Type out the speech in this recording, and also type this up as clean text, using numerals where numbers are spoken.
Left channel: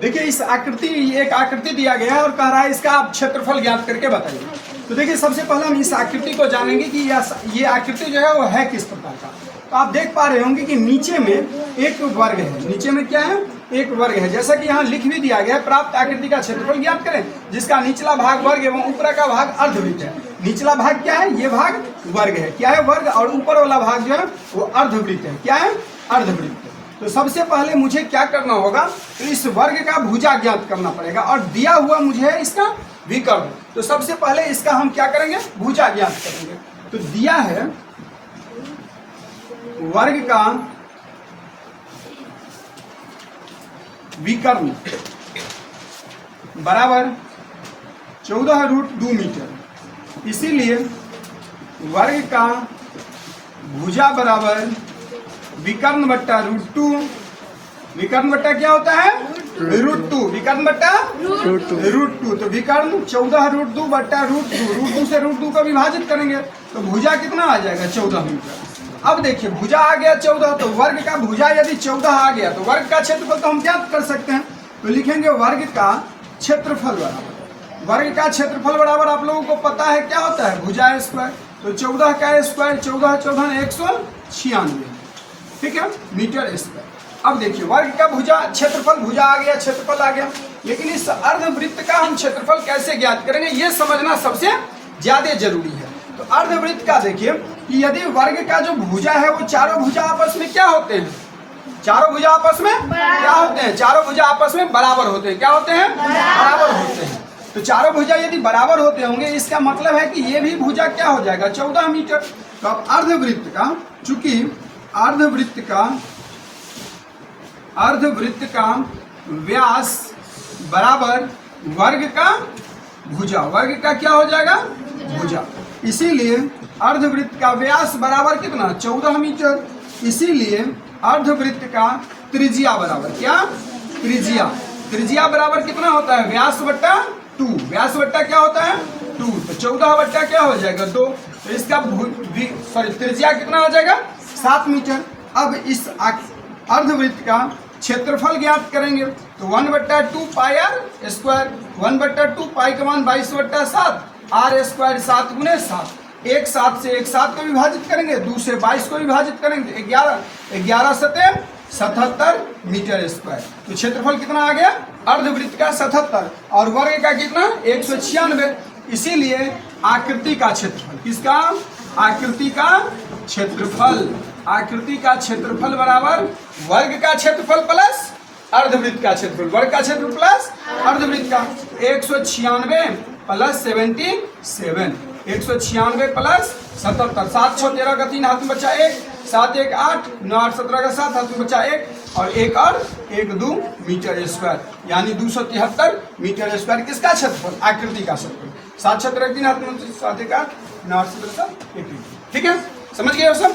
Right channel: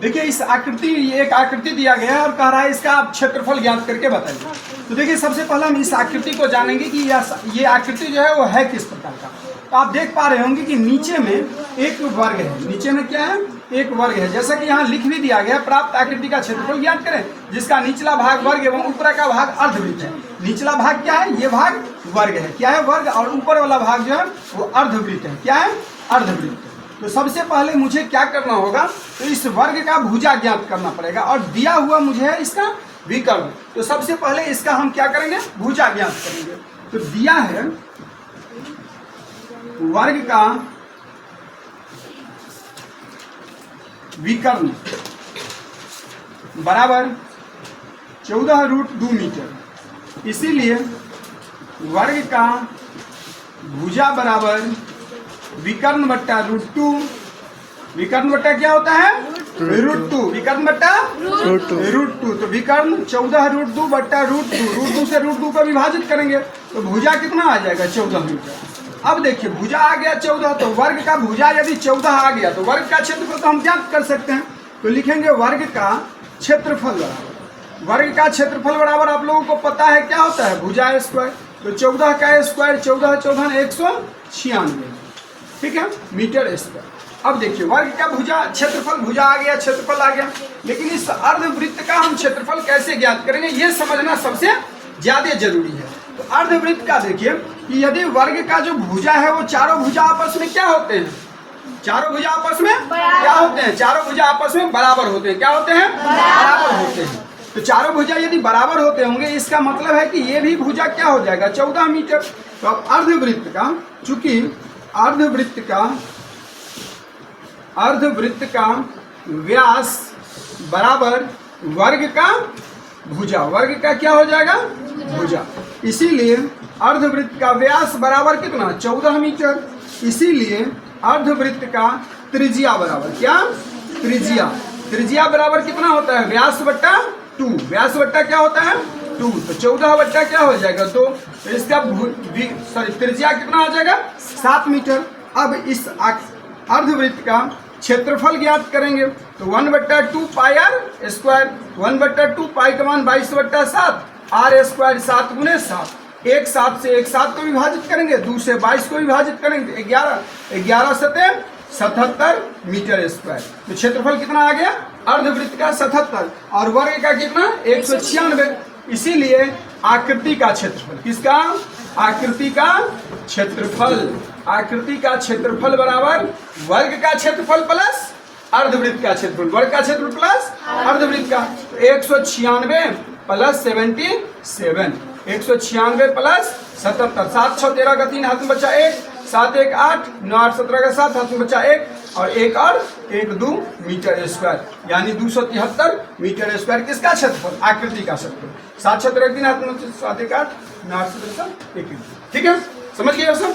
देखिए इस आकृति, एक आकृति दिया गया है और कह रहा है इसका आप क्षेत्रफल ज्ञात करके बताइए। तो देखिए सबसे पहले हम इस आकृति को जानेंगे कि ये आकृति जो है वो है किस प्रकार का। तो आप देख पा रहे होंगे कि नीचे में एक वर्ग है, नीचे में क्या है, एक वर्ग है। जैसा कि यहाँ लिख भी दिया गया है, प्राप्त आकृति का क्षेत्रफल ज्ञात करें जिसका निचला भाग वर्ग एवं ऊपर का भाग अर्धवृत्त है। निचला भाग क्या है, ये भाग वर्ग है, क्या है वर्ग, और ऊपर वाला भाग जो है वो अर्धवृत्त है, क्या है, अर्धवृत्त। तो सबसे पहले मुझे क्या करना होगा, तो इस वर्ग का भुजा ज्ञात करना पड़ेगा और दिया हुआ मुझे है इसका विकर्ण। तो सबसे पहले इसका हम क्या करेंगे, भुजा ज्ञात करेंगे। तो दिया है वर्ग का विकर्ण बराबर 14√2 मीटर, इसीलिए वर्ग का भुजा बराबर विकर्ण बट्टा √2। विकर्ण बट्टा क्या होता है, √2, विकर्ण बट्टा √2। तो विकर्ण 14√2 बट्टा √2 से √2 को विभाजित करेंगे तो भुजा कितना आ जाएगा, 14 मीटर। अब देखिए भुजा आ गया 14, तो वर्ग का भुजा यदि 14 आ गया तो वर्ग का क्षेत्रफल तो हम ज्ञात कर सकते हैं। तो लिखेंगे वर्ग का क्षेत्रफल बराबर, वर्ग का क्षेत्रफल बराबर आप लोगों को पता है क्या होता है, भुजा स्क्वायर। तो 14 का स्क्वायर 14 14 196, ठीक है, मीटर स्क्वायर। अब देखिए वर्ग का भुजा क्षेत्रफल, भुजा आ गया, क्षेत्रफल आ गया, लेकिन इस अर्धवृत्त का हम क्षेत्रफल कैसे ज्ञात करेंगे ये समझना सबसे ज्यादा जरूरी है। तो अर्धवृत्त का देखिए कि यदि वर्ग का जो भुजा है वो चारों भुजा आपस में क्या होते हैं, चारों भुजा आपस में क्या होते हैं, चारों भुजा आपस में बराबर होते हैं, क्या होते हैं, बराबर होते हैं। तो चारों भुजा यदि बराबर होते होंगे इसका मतलब है कि ये भी भुजा क्या हो जाएगा, 14 मीटर। तो अब अर्धवृत्त का, चूंकि अर्धवृत्त का व्यास बराबर वर्ग का भुजा, वर्ग का क्या हो जाएगा, भुजा, इसीलिए अर्धवृत्त का व्यास बराबर कितना, 14 मीटर। इसीलिए अर्धवृत्त का त्रिज्या बराबर क्या, त्रिज्या बराबर कितना होता है, व्यास बट्टा 2, व्यास बट्टा क्या होता है 2, तो 14 बट्टा क्या हो जाएगा 2। तो इसका त्रिज्या कितना आ जाएगा, 7 मीटर। अब इस अर्धवृत्त का क्षेत्रफल ज्ञात करेंगे तो 1/2 पाई आर स्क्वायर, 1/2 पाई का मान 22/7, आर स्क्वायर 7 × 7, एक 7 से एक 7 को विभाजित करेंगे, 2 से 22 को विभाजित करेंगे, 11 7 77 मीटर स्क्वायर। तो क्षेत्रफल कितना आ गया, अर्धवृत्त का 77 और वर्ग का कितना 196। इसीलिए आकृति का क्षेत्रफल, किसका, आकृति का क्षेत्रफल, आकृति का क्षेत्रफल बराबर वर्ग का क्षेत्रफल प्लस अर्धवृत्त का क्षेत्रफल, वर्ग का क्षेत्रफल प्लस अर्धवृत्त का 196 प्लस 77, 196 प्लस 77, 7 6 13 का 3 हाथ में बचा 1, 7 1 8, 9 8 17 का 7 हाथ में बचा 1 और 1 और 1 2 मीटर स्क्वायर, यानी 273 मीटर स्क्वायर किसका क्षेत्रफल, आकृति का क्षेत्रफल। 7 6 13 3 हाथ में 7 1 8, 9 8 17 1 1, ठीक है, समझ गए सब।